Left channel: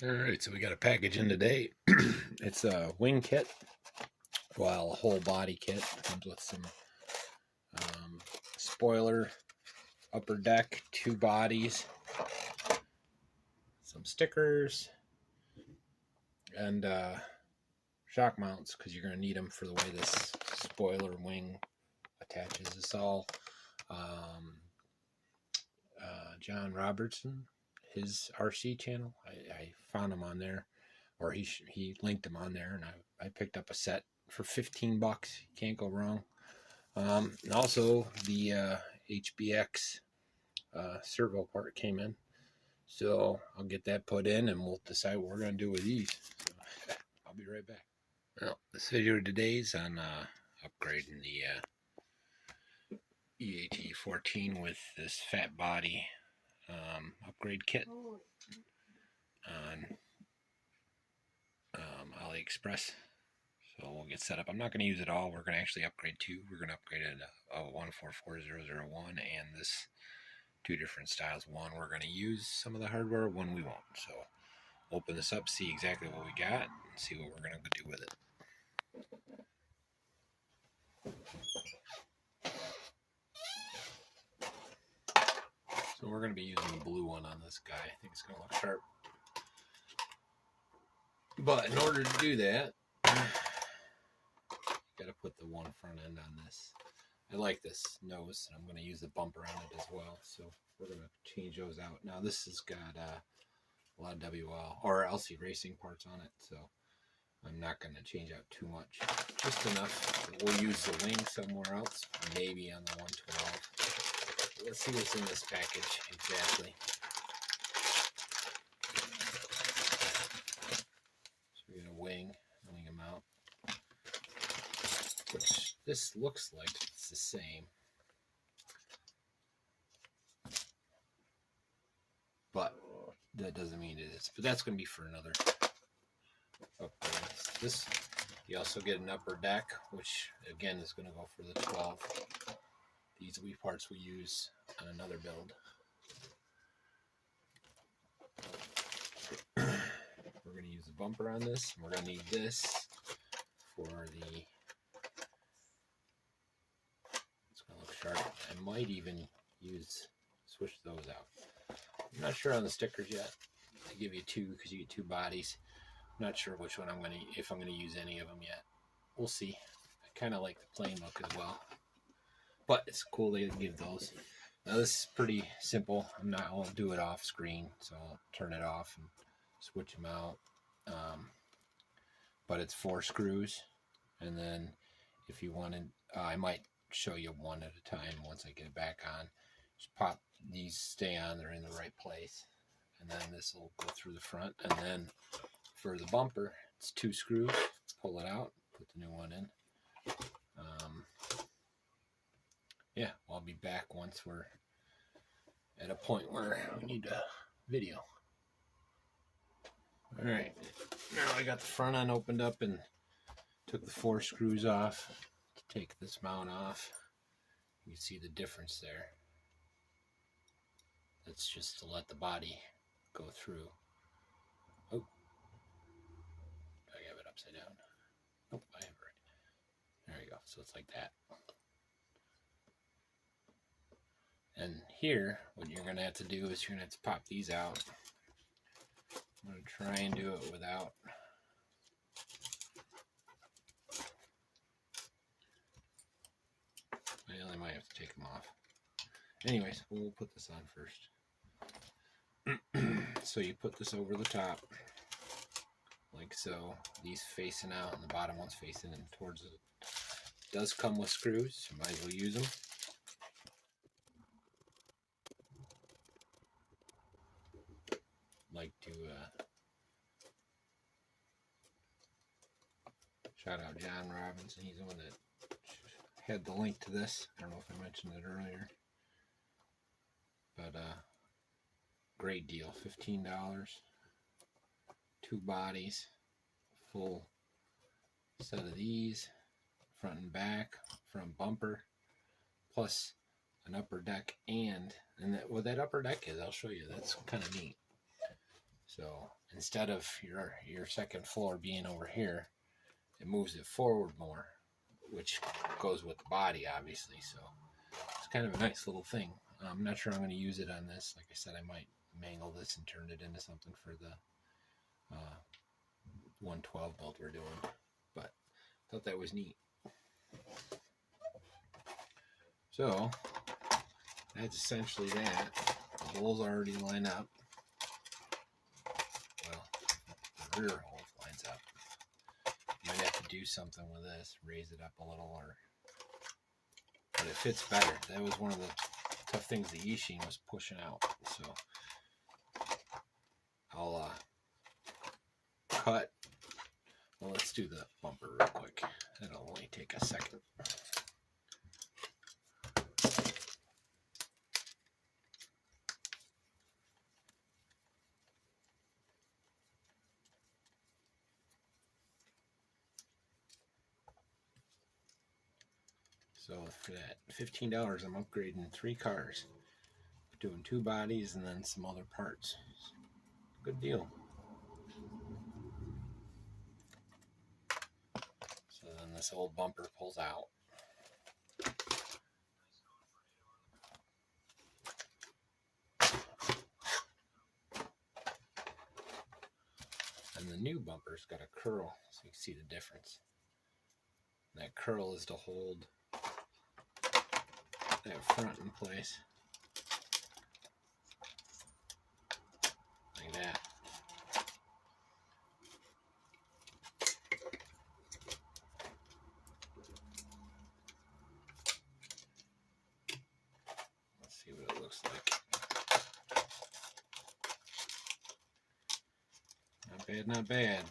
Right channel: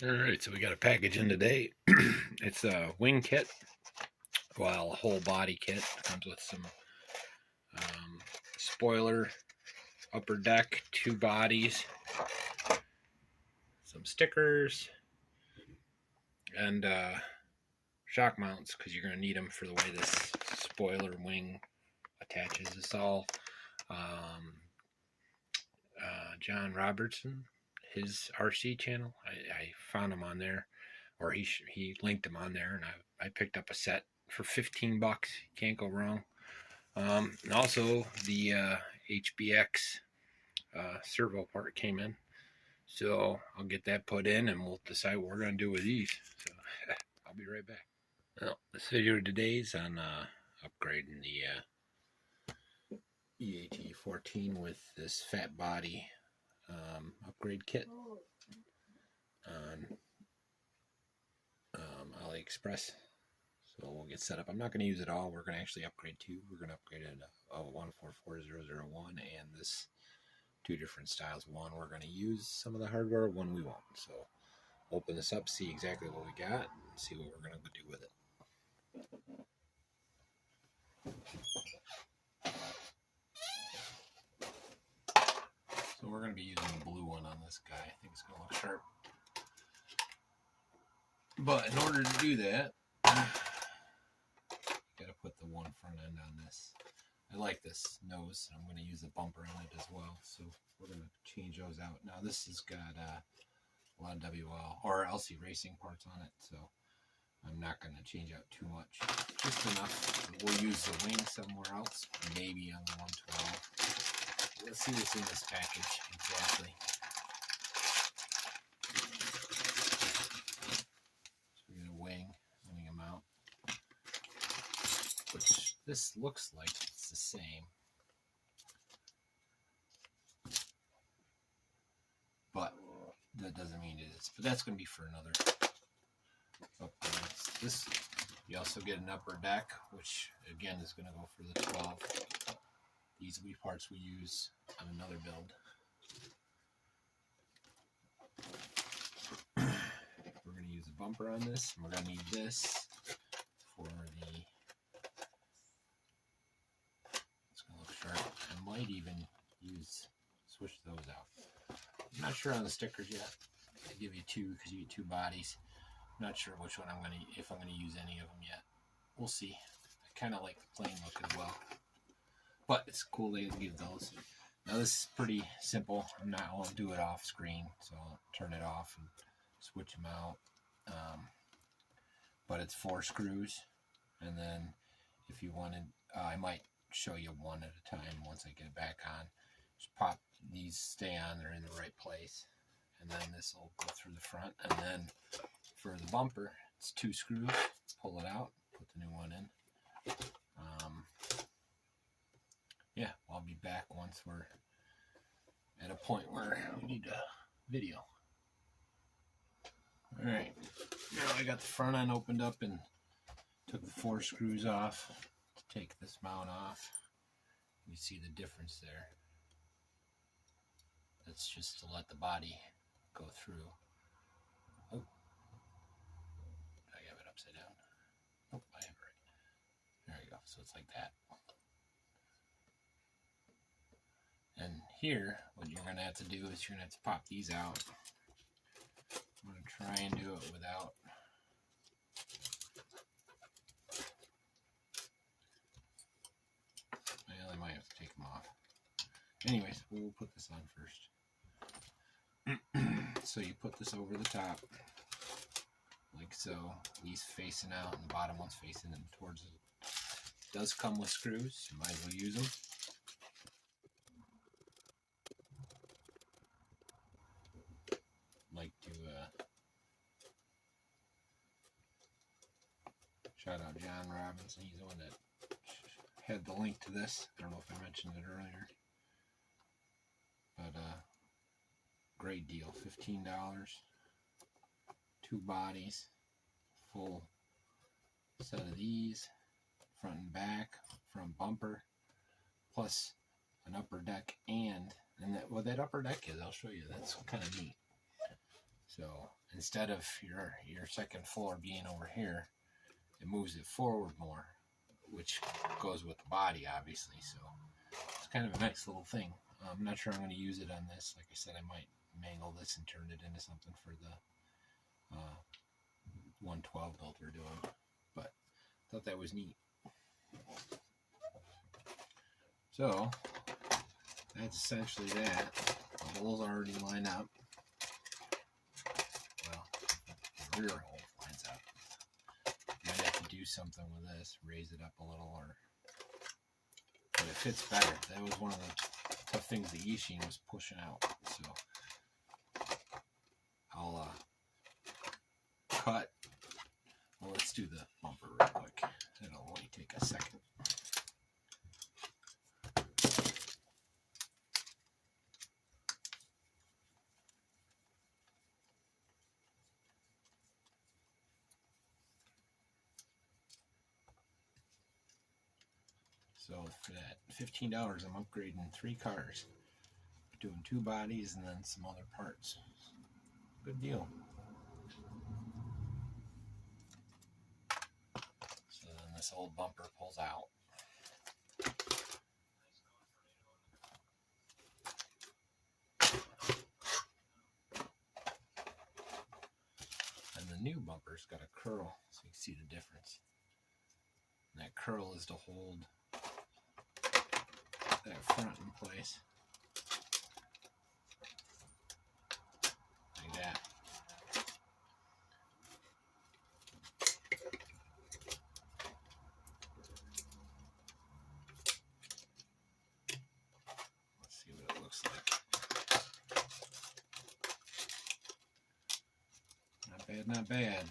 Alright, so we got a package in today. It's a wing kit, well, a whole body kit. It comes with some spoiler, upper deck, 2 bodies, some stickers, and shock mounts, because you're going to need them for the way this spoiler wing attaches. It's all John Robertson, his RC channel. I found him on there, or he linked them on there, and I picked up a set for $15. Can't go wrong. And also the HBX servo part came in, so I'll get that put in, and we'll decide what we're going to do with these. So I'll be right back. Well, this video today's on upgrading the EAT14 with this fat body upgrade kit on AliExpress. So we'll get set up. I'm not going to use it all. We're going to actually upgrade 2. We're going to upgrade a 144001 and this 2 different styles. One we're going to use some of the hardware, one we won't. So open this up, see exactly what we got, and see what we're going to do with it. So we're going to be using the blue one on this guy. I think it's going to look sharp. But in order to do that, you got to put the one front end on this. I like this nose, and I'm going to use the bumper on it as well. So we're going to change those out. Now this has got a lot of WL or LC Racing parts on it, so I'm not going to change out too much. Just enough. We'll use the wing somewhere else, maybe on the 112. Let's see what's in this package exactly. So we got a wing mount, which this looks like it's the same, but that doesn't mean it is. But that's going to be for another upgrade. This, you also get an upper deck, which again is going to go for the 12. These will be parts we use on another build. We're going to use a bumper on this. We're going to need this for the... It's going to look sharp. I might even switch those out. I'm not sure on the stickers yet. I give you 2 because you get 2 bodies. I'm not sure which one if I'm going to use any of them yet. We'll see. I kind of like the plain look as well. But it's cool they give those. Now this is pretty simple. I won't do it off screen, so I'll turn it off and switch them out. But it's 4 screws, and then if you wanted, I might show you one at a time once I get it back on. Just pop these, stay on, they're in the right place, and then this will go through the front. And then for the bumper, it's 2 screws. Pull it out, put the new one in. Yeah, I'll be back once we're at a point where we need a video. Alright, now I got the front end opened up and took the 4 screws off to take this mount off. You can see the difference there. That's just to let the body go through. Oh, I have it upside down. Nope, I have it right. There you go, so it's like that. And here, what you're going to have to do is you're going to have to pop these out. I'm going to try and do it without. Well, I might have to take them off. Anyways, we'll put this on first. So you put this over the top, like so. These facing out and the bottom one's facing in towards it. It does come with screws, so might as well use them. Like to shout out John Robinson. He's the one that had the link to this. I don't know if I mentioned it earlier, but great deal. $15, 2 bodies, full set of these, front and back, front bumper, plus an upper deck, and what that upper deck is, I'll show you. That's kind of neat. So instead of your second floor being over here, it moves it forward more, which goes with the body, obviously. So it's kind of a nice little thing. I'm not sure I'm going to use it on this. Like I said, I might mangle this and turn it into something for the 112 build we're doing, but I thought that was neat. So that's essentially that. The holes already line up. Well, the rear hole lines up. Might have to do something with this, raise it up a little, but it fits better. That was one of the tough things the E-Sheen was pushing out. So I'll cut. Well, let's do the bumper real quick. It'll only take a second. So for that $15, I'm upgrading 3 cars, doing 2 bodies and then some other parts. Good deal. So then this old bumper pulls out. And the new bumper's got a curl, so you can see the difference. And that curl is to hold that front in place. Like that. Let's see what it looks like. Not bad, not bad.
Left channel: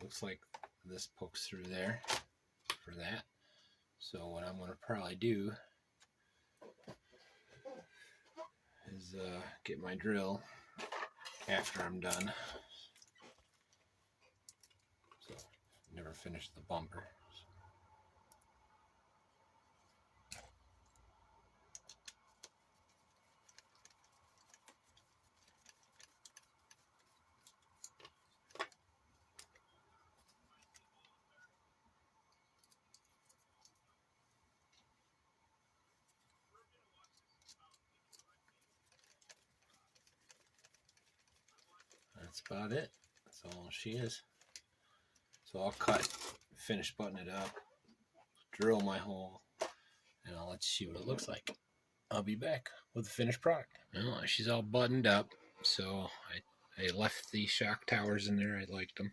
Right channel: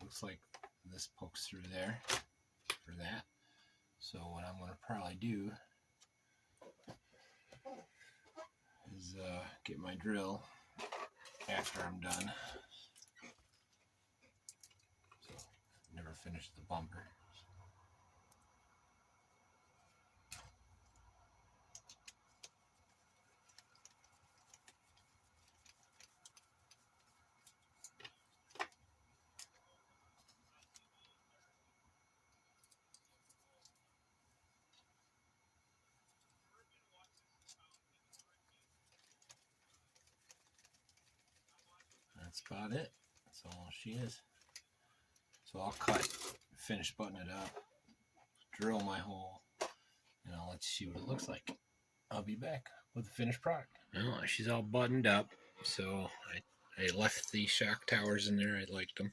Looks like this pokes through there for that. So what I'm going to probably do is get my drill after I'm done. So never finished the bumper. That's about it. That's all she is. So I'll cut, finish buttoning it up, drill my hole, and I'll let you see what it looks like. I'll be back with the finished product. Well, she's all buttoned up, so I left the shock towers in there. I liked them.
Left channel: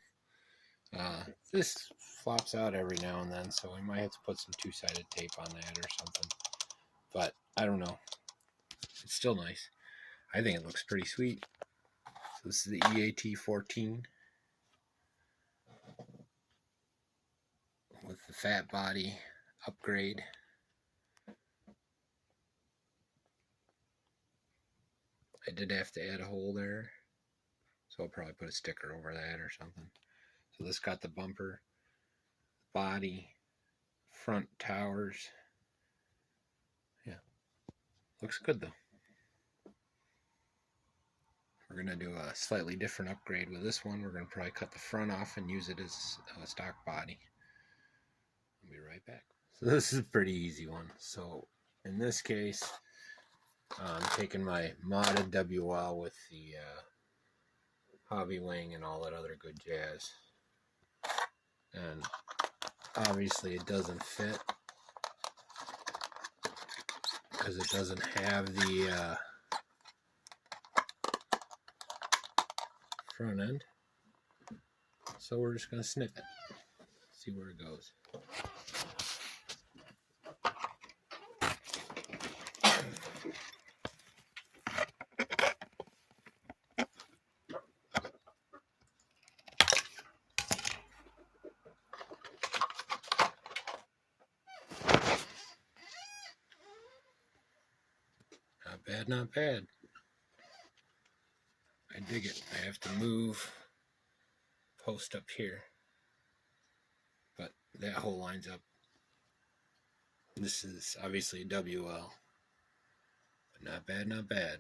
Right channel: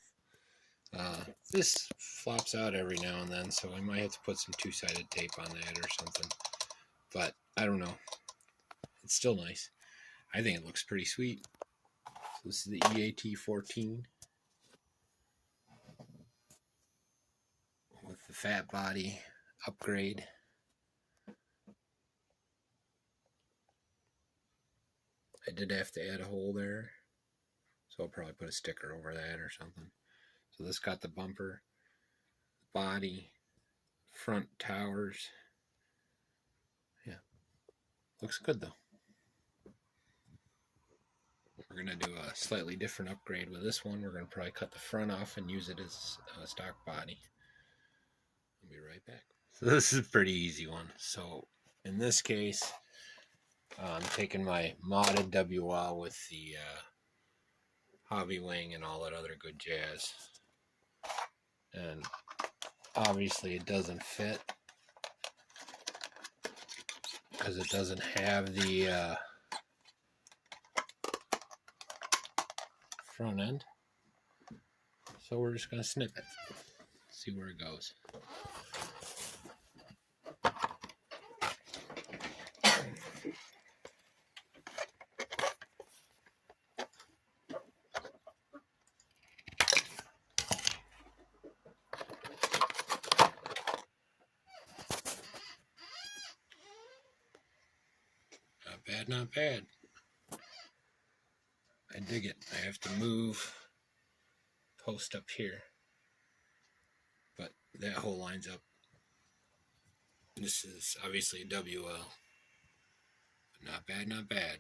This flops out every now and then, so I might have to put some two-sided tape on that or something. But I don't know. It's still nice. I think it looks pretty sweet. So this is the EAT14 with the fat body upgrade. I did have to add a hole there, so I'll probably put a sticker over that or something. So this got the bumper, body, front towers. Yeah, looks good though. We're going to do a slightly different upgrade with this one. We're going to probably cut the front off and use it as a stock body. I'll be right back. So this is a pretty easy one. So in this case, I'm taking my modded WL with the hobby wing and all that other good jazz. And obviously it doesn't fit because it doesn't have the front end. So we're just going to snip it, see where it goes. Not bad, not bad. I dig it. I have to move post up here, but that hole lines up. This is obviously a WL, but not bad, not bad.